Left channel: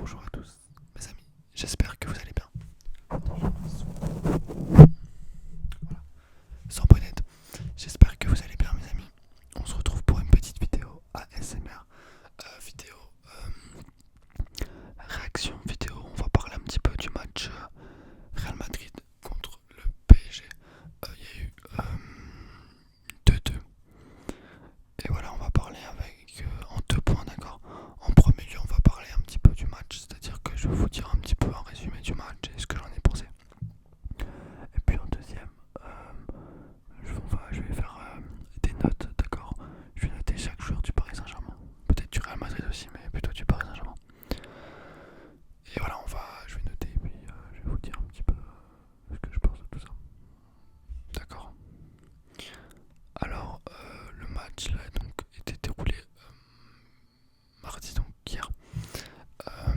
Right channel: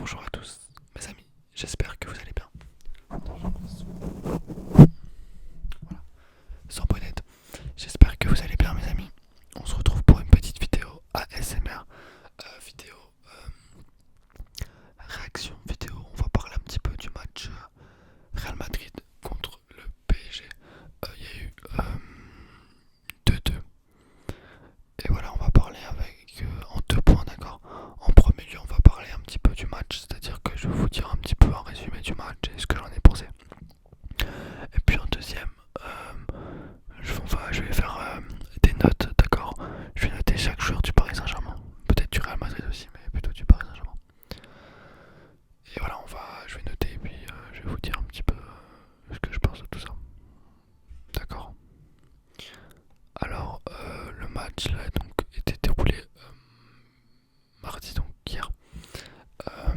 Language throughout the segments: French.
Bonjour à tous, mes amis, j'espère que vous allez bien. Voilà, sans bonnette, j'espère que vous allez bien, mes amis. On se retrouve pour une petite vidéo ASMR, vidéo réaction vidéo. On va parler un petit peu du match Real Madrid contre le PSG. Il y a eu 2-2. Et voilà, on va parler en deux points, d'accord. En premier lieu, on va parler un petit peu du match, c'est-à-dire que je vais vous dire un petit peu un résumé du match et ce que j'en ai pensé. Et puis en deuxième, je vais faire des notes, d'accord. Je vais noter chaque joueur du Paris Saint-Germain, peut-être du Real Madrid aussi, mais plutôt du Paris Saint-Germain. Et voilà, je vais noter et puis je vais vous dire un petit peu ce que je pense de tout ça, d'accord. Alors, le match là donc était déroulé mardi, donc hier. Euh,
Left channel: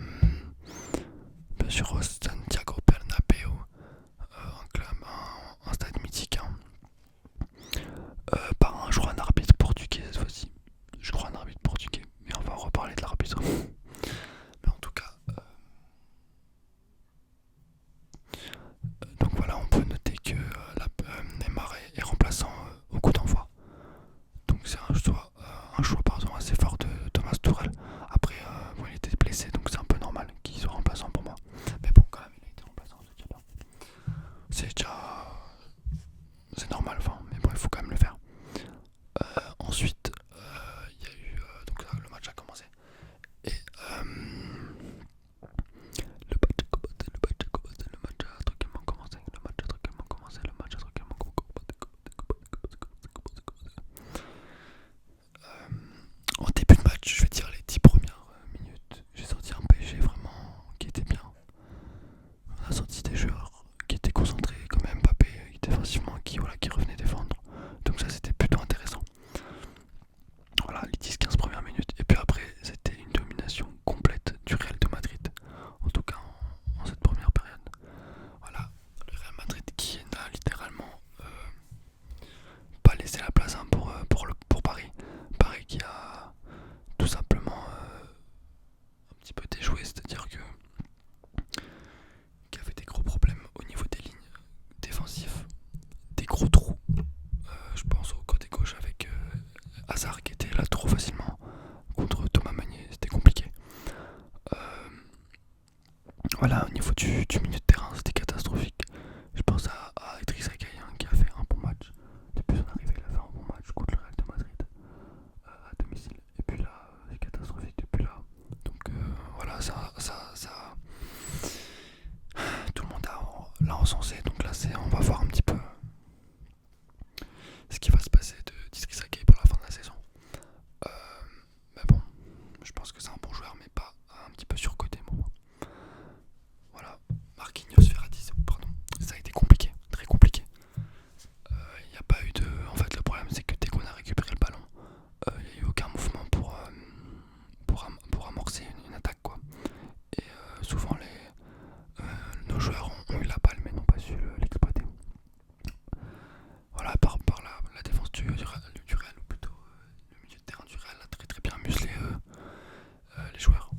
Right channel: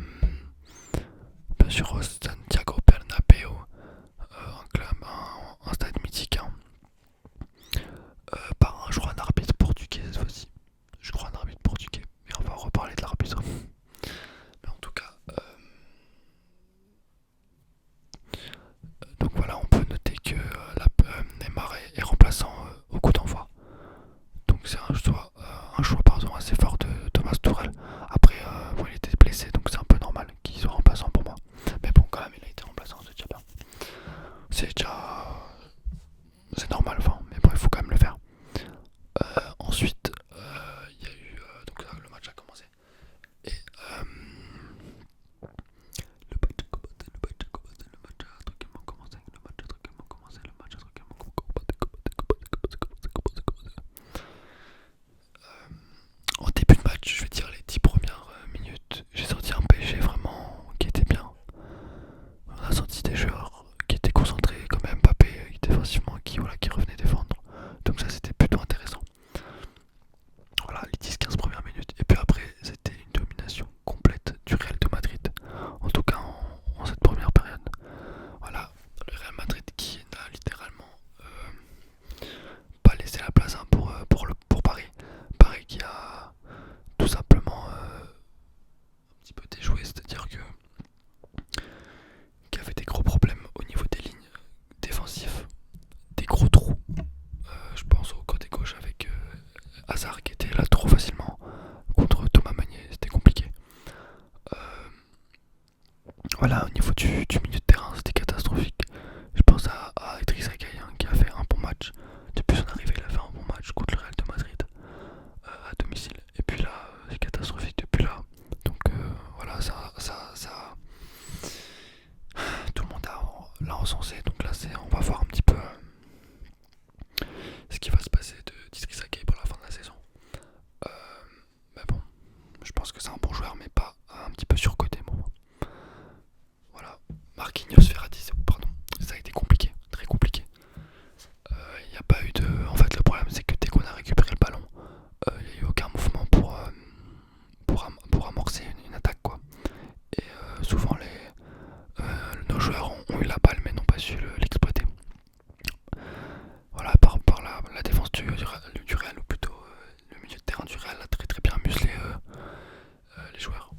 Bien sûr au Santiago Bernabéu, un stade mythique, hein, par je crois un arbitre portugais cette fois-ci. Je crois un arbitre portugais, mais on va reparler de l'arbitre. Mais en tout cas, donc voilà, on peut noter que Neymar est remplaçant au coup d'envoi. Donc c'est un choix assez fort de Thomas Tuchel. Après, bon, il était blessé, donc c'est un peu normal qu'il soit remplaçant pour moi. Mais bon, quand même, il a été remplaçant, c'est déjà bien. C'est déjà... C'est normal, enfin, mais bon, il faut quand même le faire. Ensuite, il y a eu... donc là, le match a commencé. Et le match a tranquillement commencé. En début de match, je vais dire les 10 premières minutes, j'ai senti un PSG vraiment qui était bien. On a senti des joueurs qui étaient concentrés, comme Mbappé, défensivement, qui revenait défendre. Donc ça, c'était plutôt intéressant. Voilà, les 10-15 premières minutes. Et puis après, c'était une domination complète du Real de Madrid. En tout cas, en cette première période. Voilà, le Real Madrid qui n'a littéralement pas laissé la place, hein, pour Paris. Paris qui a tout simplement un petit peu déjoué, c'est-à-dire que qui avait des gros problèmes au niveau des lignes défensives, des gros trous. Je pense au côté gauche avec Hazard qui était là trop facilement contre Thomas Meunier, c'était compliqué. Euh, voilà, au niveau du milieu de terrain, c'était catastrophique. Je pense à Idrissa Gueye, hein, qui a fait un bon match. Depuis son arrivée, il a fait un bon match contre le Real de Madrid à domicile. Et puis là, c'est catastrophique depuis là. Donc voilà, tout le monde l'a encensé. Donc là, on va voir un petit peu ce qui va se passer de d'Idrissa Gueye pour la fin de la saison. Euh, mais bon, je pense que c'est un bon joueur, mais pas un petit peu surcoté, moi. Voilà, Marquinhos Verratti, pardon, ça a été compliqué, très compliqué. Il n'y a pas eu de. En fait, le problème, c'est que dès qu'on a récupéré le ballon, il n'y a eu aucun mouvement pour amorcer une attaque, quoi. Et souvent, nos joueurs ont eu la balle, mais n'ont pas su l'exploiter. Voilà, par la défense du Real, ou plutôt le milieu de terrain du Real a très très bien muselé les joueurs.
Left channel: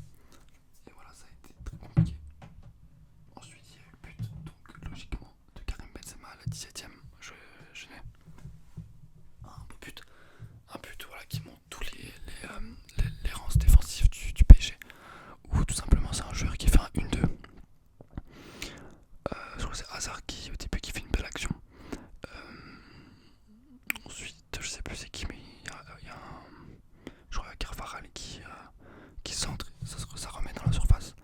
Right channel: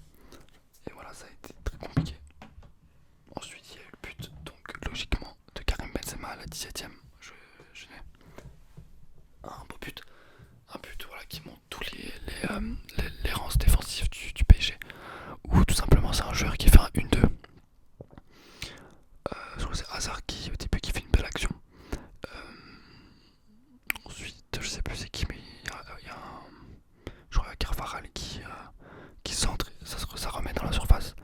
Et voilà, ça a été très compliqué. Ensuite, il y a eu le but, donc logiquement, de Karim Benzema à la 17ème. Je n'ai un beau but. Un but, voilà, qui montre tous les rangs défensifs du PSG. Ou tout simplement, c'est un joueur qui fait un 1-2. Je crois que c'est Hazard qui, au début, qui fait une belle action. Ensuite, je sais plus c'est qui, mais il y a je crois Carvajal qui centre, ça remet dans la surface.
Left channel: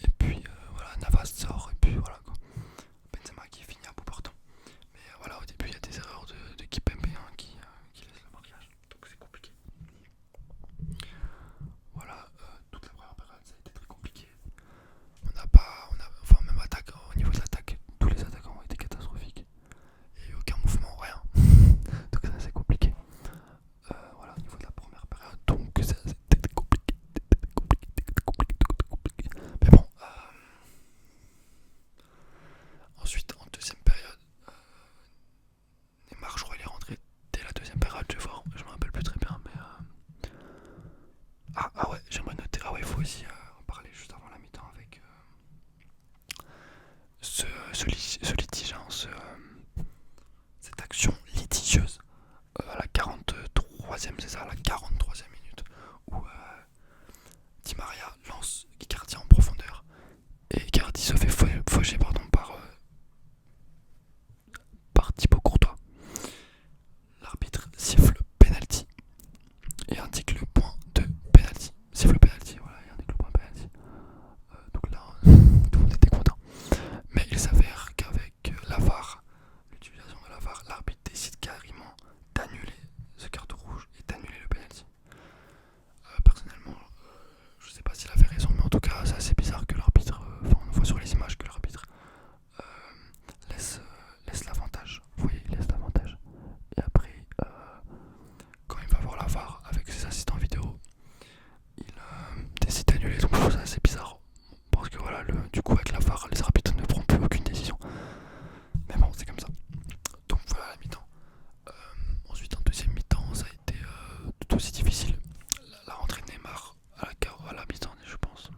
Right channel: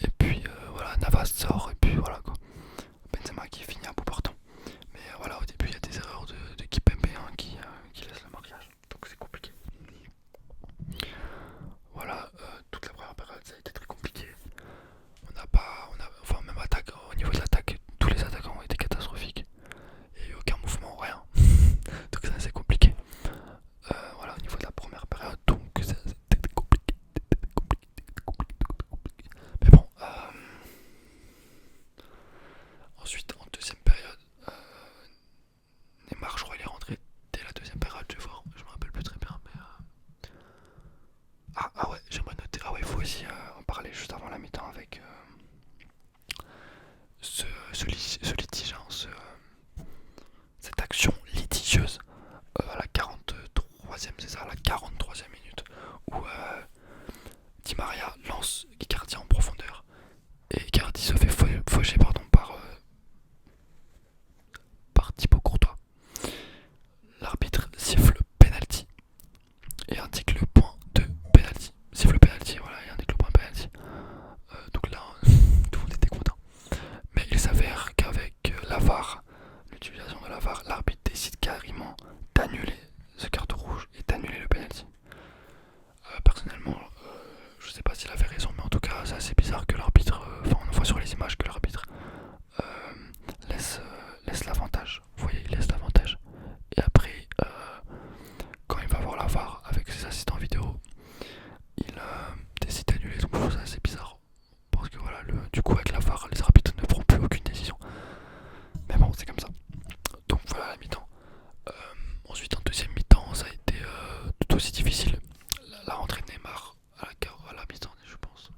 Et puis voilà, Navas sort, et puis voilà quoi. Benzema qui finit à bout portant. Mais voilà, au début il y a des erreurs de Kipembe, hein, qui laisse le marquage. Donc c'est compliqué. Voilà, toute la première période ça a été très compliqué. ce litige, hein, cette action litigieuse à la 43e, c'est ça, à la 43e minute, où Di Maria lance Icardi en profondeur et Icardi se fait faucher par Thibaut Courtois. L'arbitre siffle penalty et indique le point de penalty. Siffle penalty, voilà, et indique le point de penalty. Donc là, tout le monde était content. Mais il s'avère qu'avec la VAR, l'utilisation de la VAR, l'arbitre décide carrément d'annuler ce carton rouge et d'annuler le penalty. Personnellement, je sais pas s'il avait raison, mais en tout cas, c'est assez bizarre que l'arbitre, on voit sur les images que l'arbitre laisse l'avantage. Vous voyez, il laisse l'avantage. Et après, quand il va voir la VAR avec ses assistants vidéo, il décide d'annuler. Donc je trouve ça assez bizarre. Parce que voilà, du coup, avec la VAR, les arbitres ne prennent plus aucune décision. Mais bon, c'est comme ça. Donc voilà la mi-temps. Ensuite, en deuxième mi-temps, ça a été tout aussi difficile. La rentrée de Neymar à la mi-temps, je pense.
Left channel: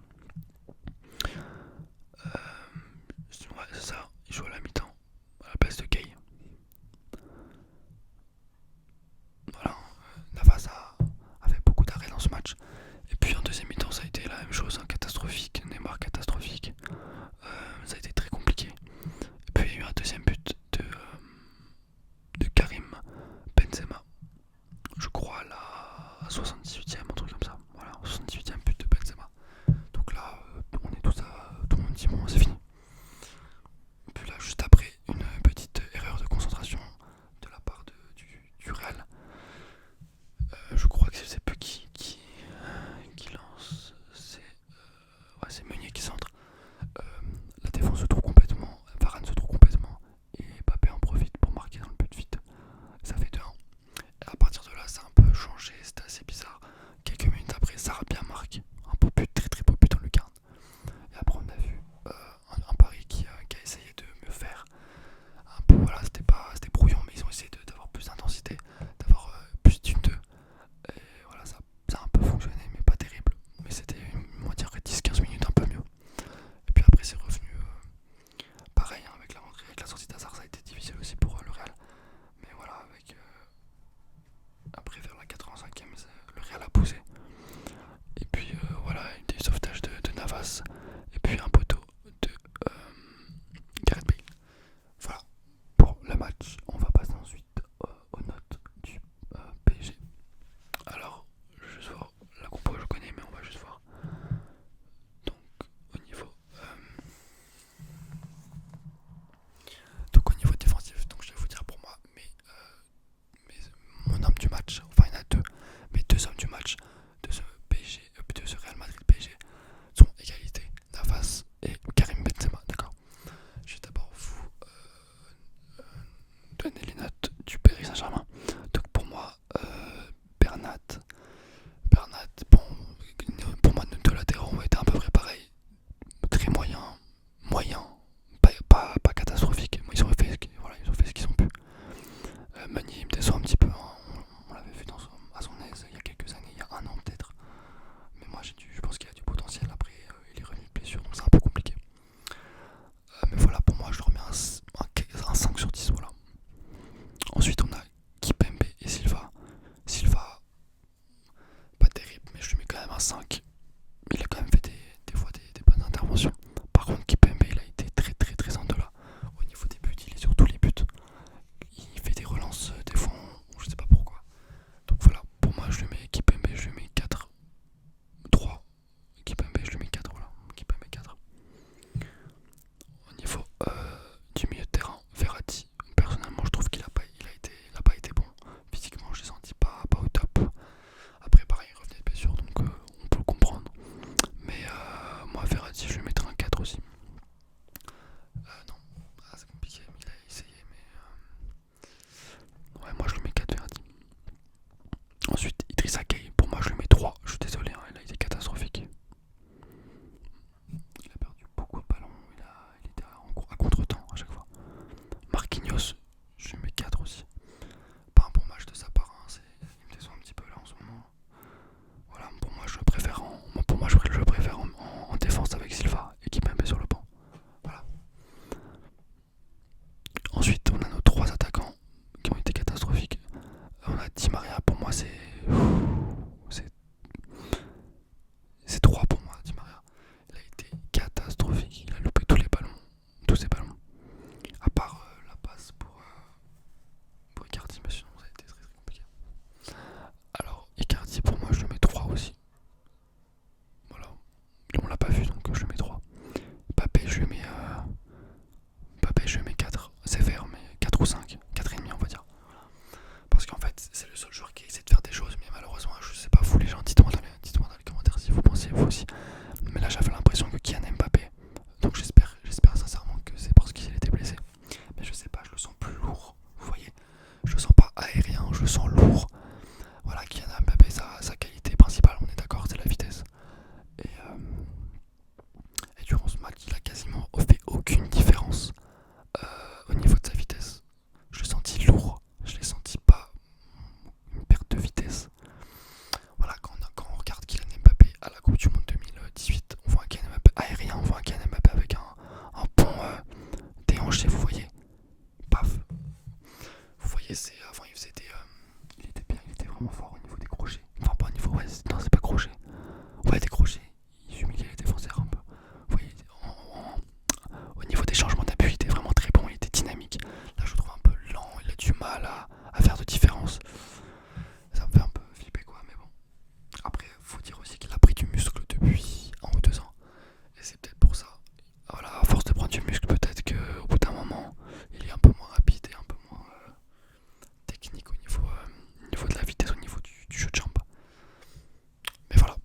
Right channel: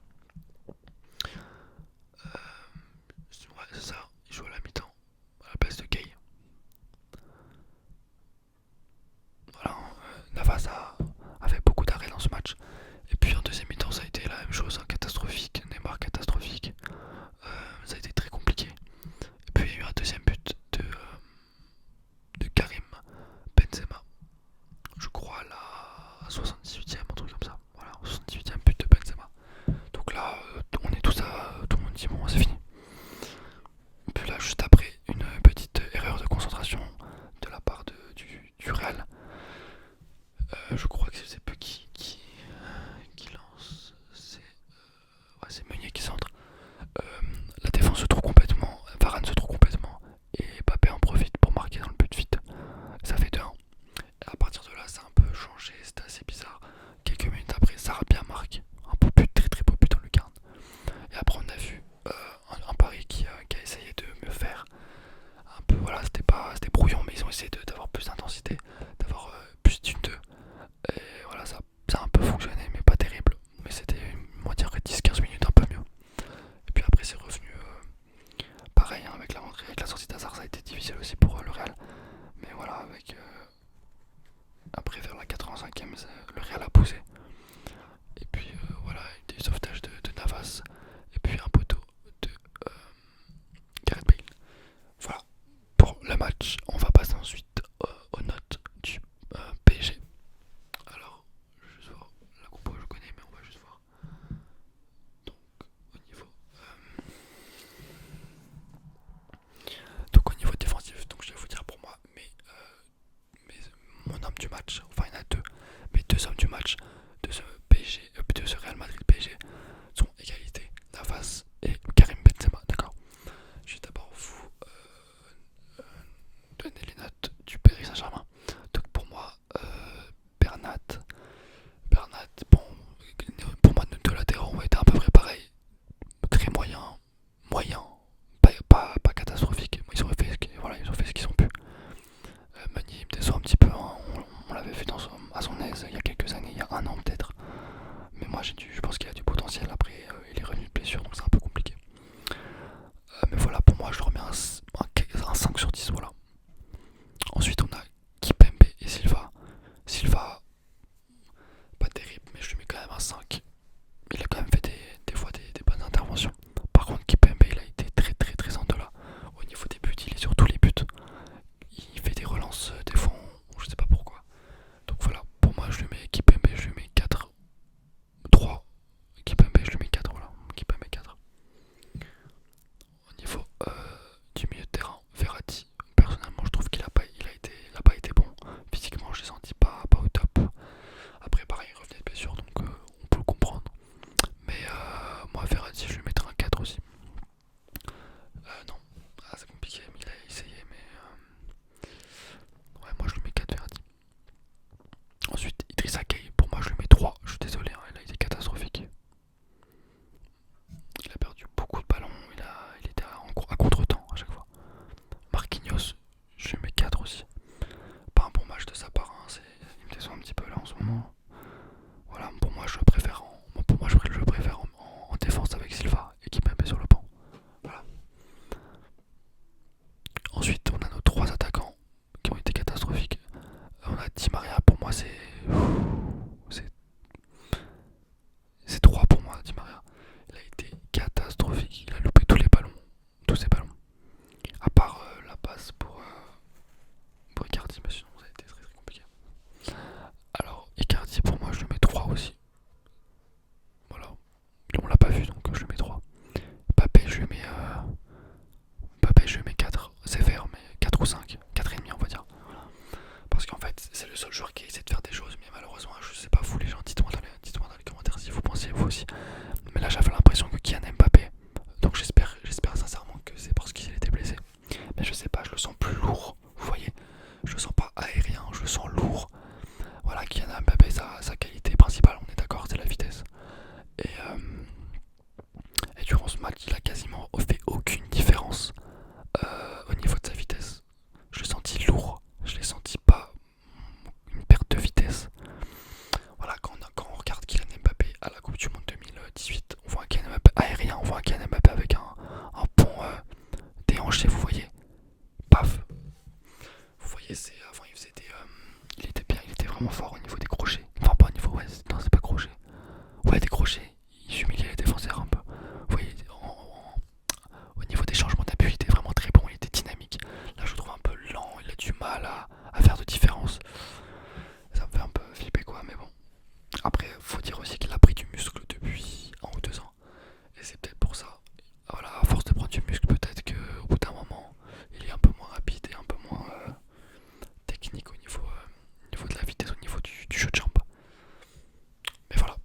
Mais là j'avais l'impression que Kylian Mbappé, donc j'espère sincèrement que c'est parce qu'il était blessé. Mais je sais pas, je le sens plus lourd, vous voyez. Je le sens pas aérien, je le sens lourd. Voilà, Kylian Mbappé, sa qualité principale, on est d'accord, c'est la vitesse. Et durant ce match, il a quasiment fait aucune différence au niveau de sa vitesse. Je l'ai senti lourd, je l'ai senti pas une perte de vitesse. Voilà, quand on regarde Kylian Mbappé à la Coupe du Monde 2018, on voit un Kylian Mbappé aérien, on voit un Kylian Mbappé avec un pont déhanché, vous voyez. Paf. Vous voyez, c'est avant il faisait des, il était bien, il était vraiment fort au niveau des crochets. Enfin pas au niveau, ouais, non c'est pas crochet. Ouais, des crochets, il humiliait les défenseurs un peu. Vous voyez, au niveau des changements d'appui, il était vraiment très bon, il était dynamique. Là je le trouve un peu lent, il a du mal à faire de différence. Ça me fait un peu flipper quoi, mais bon. Après, faut dire aussi qu'il a pris du muscle depuis 1 ou 2 ans. Et c'est peut-être pour ça. Voilà, à force de prendre du muscle, peut-être qu'au bout d'un moment, il est un peu moins rapide et un peu moins technique au niveau de la vitesse, au niveau du jeu de jambes. Mais voilà.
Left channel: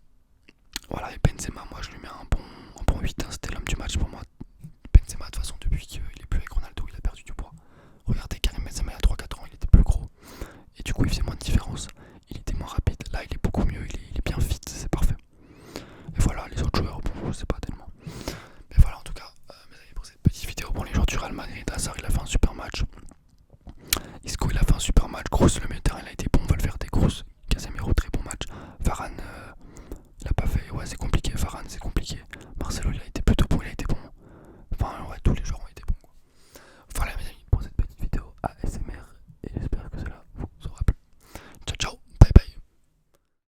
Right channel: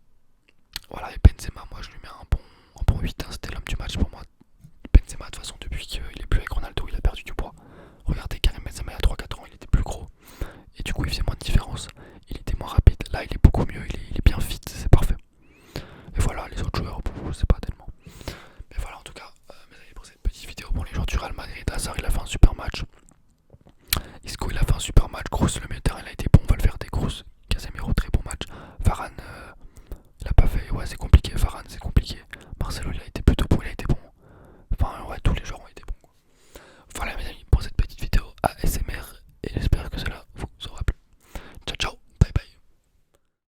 Voilà, et Benzema, moi je lui mets un bon 8, hein, c'était l'homme du match pour moi. Benzema, de toute façon, depuis qu'il est plus avec Ronaldo, il a perdu du poids. Regardez, Karim Benzema il y a 3-4 ans, il était plus gros. Et du coup, il faisait moins de différence.